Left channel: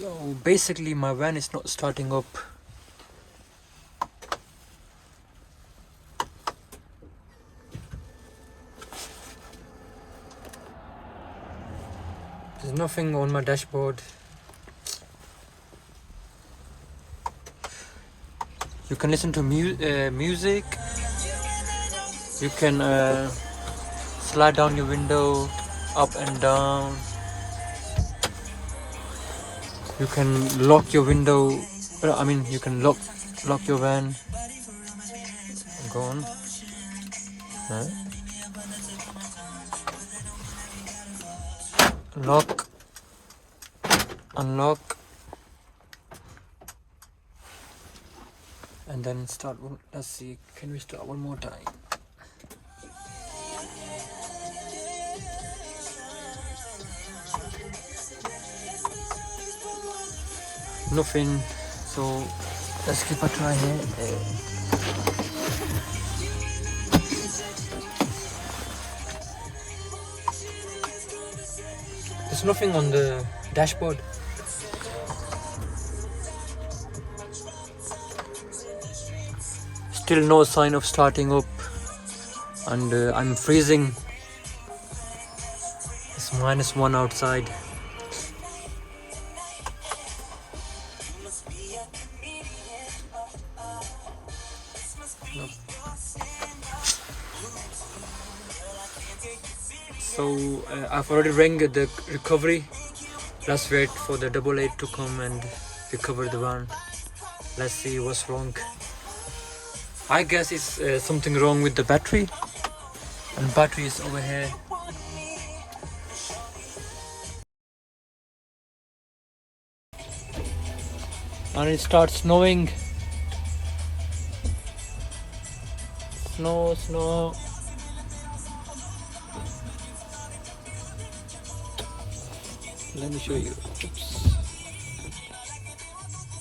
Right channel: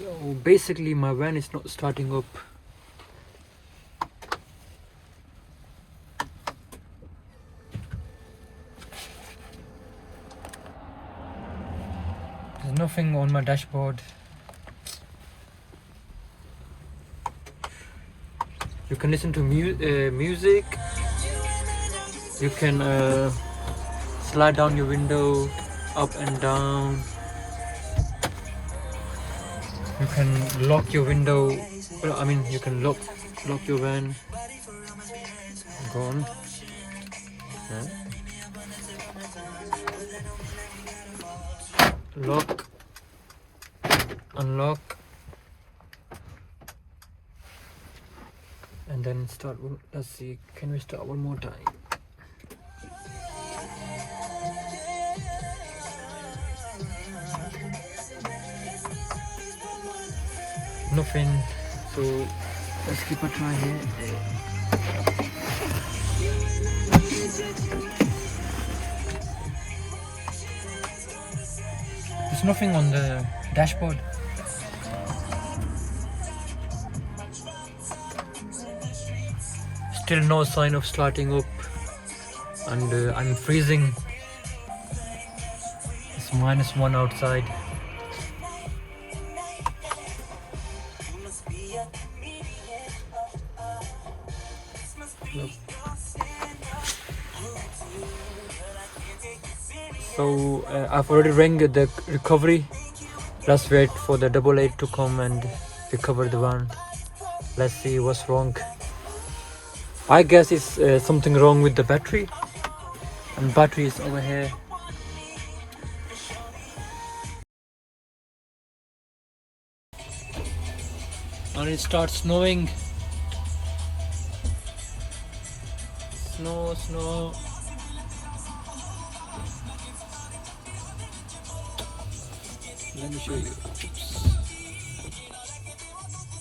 So basically my van is not starting up. There's nothing on my dashboard. You can listen to music. You can slide down your window up and down. You can lock your window. You can lock your van. Go on. Huh? Lock, unlock, and then start. Let's see. Can we start one more time? Nothing. So let's keep a try here. There's nothing on the dashboard. Still no sign of starting up, and I'm freezing. It's -1 outside. Look. So I've already rang the recovery. Let's wait for the AA to come and recover the van. Let's see what's wrong. I guess it's something wrong with the battery, and battery is over here. And it starts snowing. Snow. Let me show you. Oops.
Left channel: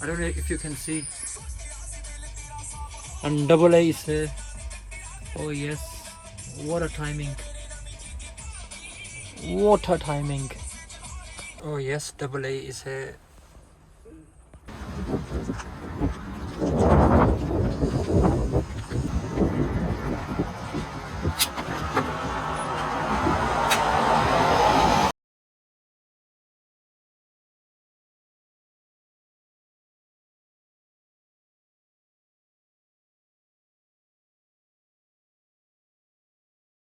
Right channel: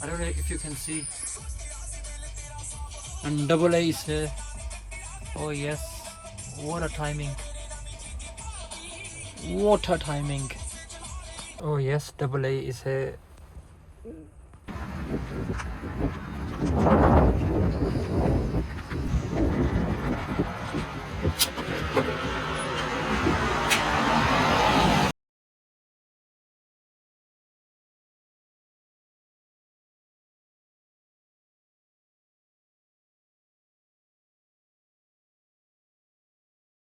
I don't know if you can see. And AA is here. Oh yes, what a timing. What a timing. Oh yes, AA is here.